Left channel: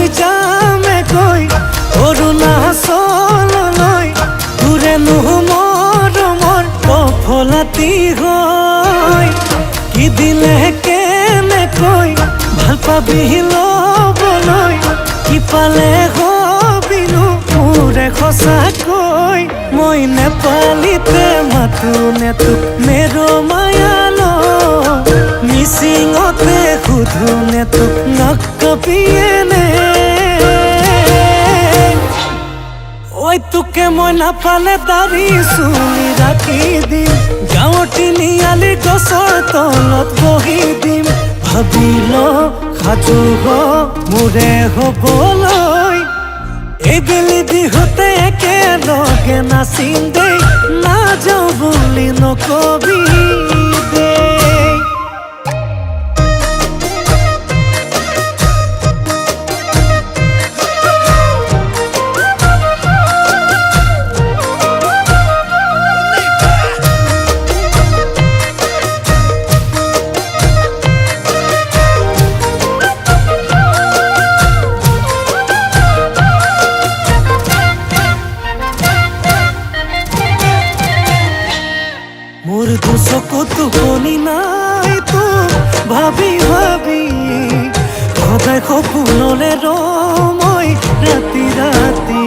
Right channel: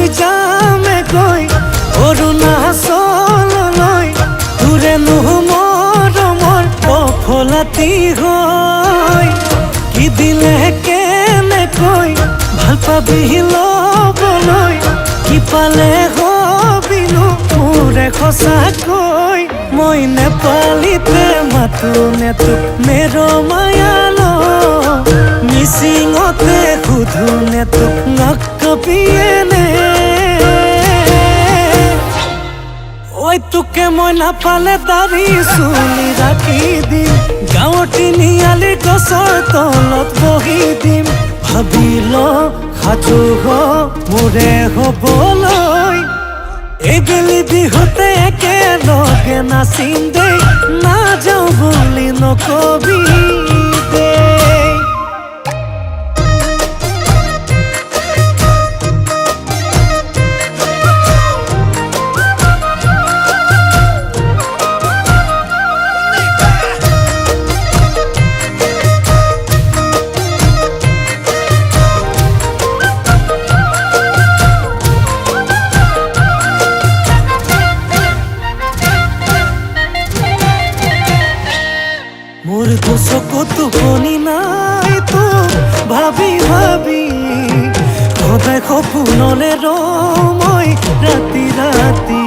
লৈ যামে গৈ অৰুণাচললৈ তোৰেনো মৰমৰ সফলাতি হৈ কি দিলে কেনেকৈ ভাল পাবি ল'বলৈ কি পালে হবিনো মোৰে সঁচাকৈ মই নেপালীতে মাতো নে তোক মেৰ মায়ালো মিচিঙতে সুধো নে তোক নকবিয়েনে ঐ তোকে মই নাপালে দাড়ি চুলি ৰাখি দিম গাঁৱৰ তিনিআলিৰ গছৰ তলত বহি দিম ভাবিল সাজু হ মোৰে হবলৈ এইবেলি বিহুতে একেলগে নাচিম দেই নাযাওঁ বুলি নকবি দেই মোর দুচকু টোপনি নাই তো ভাবি ভাবি সদায় সপোনলে ৰমৈ ৰাতি ৰাতি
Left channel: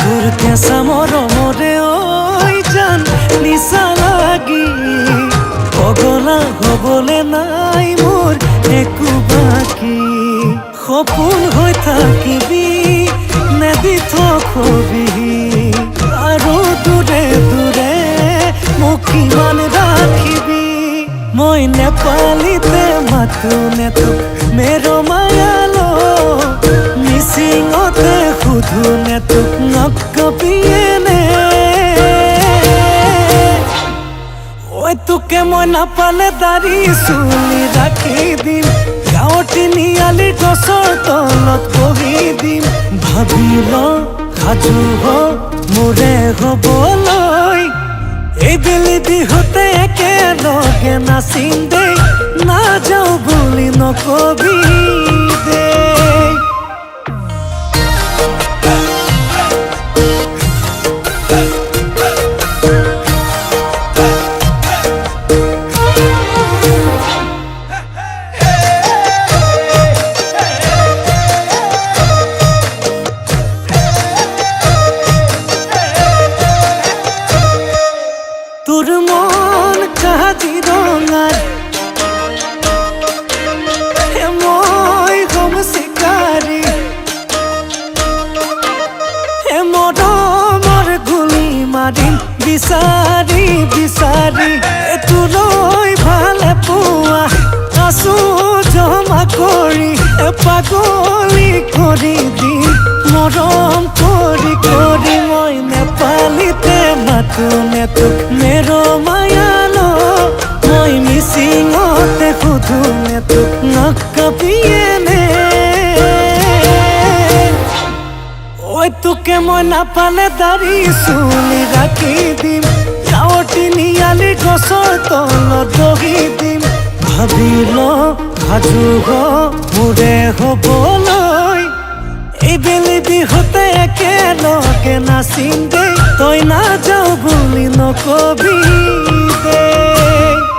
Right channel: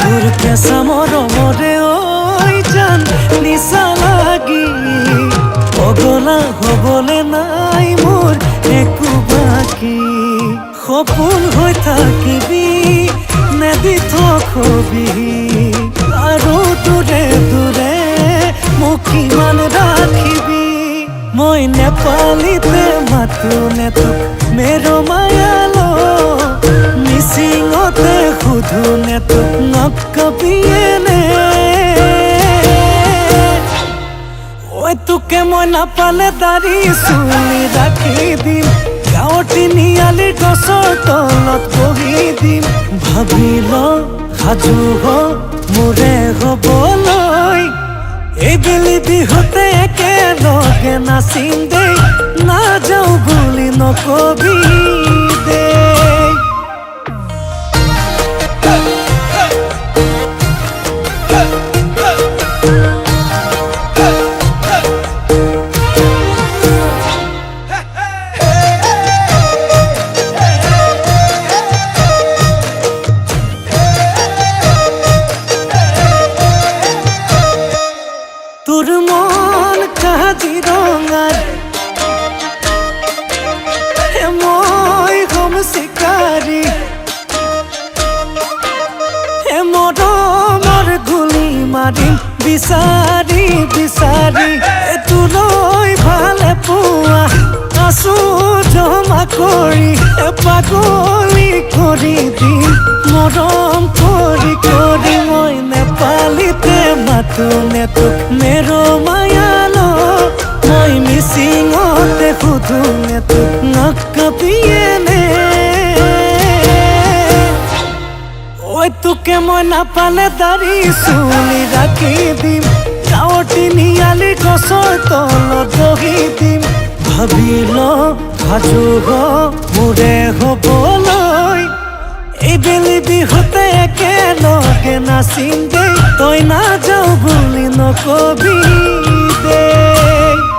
তোৰ কেঁচা মৰমৰে ঐ জান নিচা লাগি পগলা হবলে নাই মোৰ একো বাকী সপোন হৈ থাকিবি নেদি থবি আৰু দূৰে দূৰে মোক কিমান ৰাখিবি মই নেপালীতে মাতো নে তোক মেৰ মায়ালো মিচিঙতে সুধো নে তোক নকবিয়েনে ঐ তোকে মই নাপালে দাড়ি চুলি ৰাখি দিম গাঁৱৰ তিনিআলিৰ গছৰ তলত বহি দিম ভাবিল সাজু হ মোৰে হবলৈ এইবেলি বিহুতে একেলগে নাচিম দেই নাযাওঁ বুলি নকবি দেই তোর মন কাজিৰঙাৰ মই হম চিকাৰী মৰমৰ গুলি মাৰিম বিচাৰি বিচাৰি তোলৈ ভালে পোৱা আছো জমা কৰি পাগলী কৰি দিম মৰম কৰি কৰি মই নেপালীতে মাতো নে তোক মেৰ মায়ালো মই মিচিঙতে সুধো নে তোক নকবিয়েনে ঐ তোকে মই নাপালে দাড়ি চুলি ৰাখি দিম গাঁৱৰ তিনিআলিৰ গছৰ তলত বহি দিম ভাবিল সাজু হ মোৰে হবলৈ এইবেলি বিহুতে একেলগে নাচিম দেই তই নাযাওঁ বুলি নকবি দেই।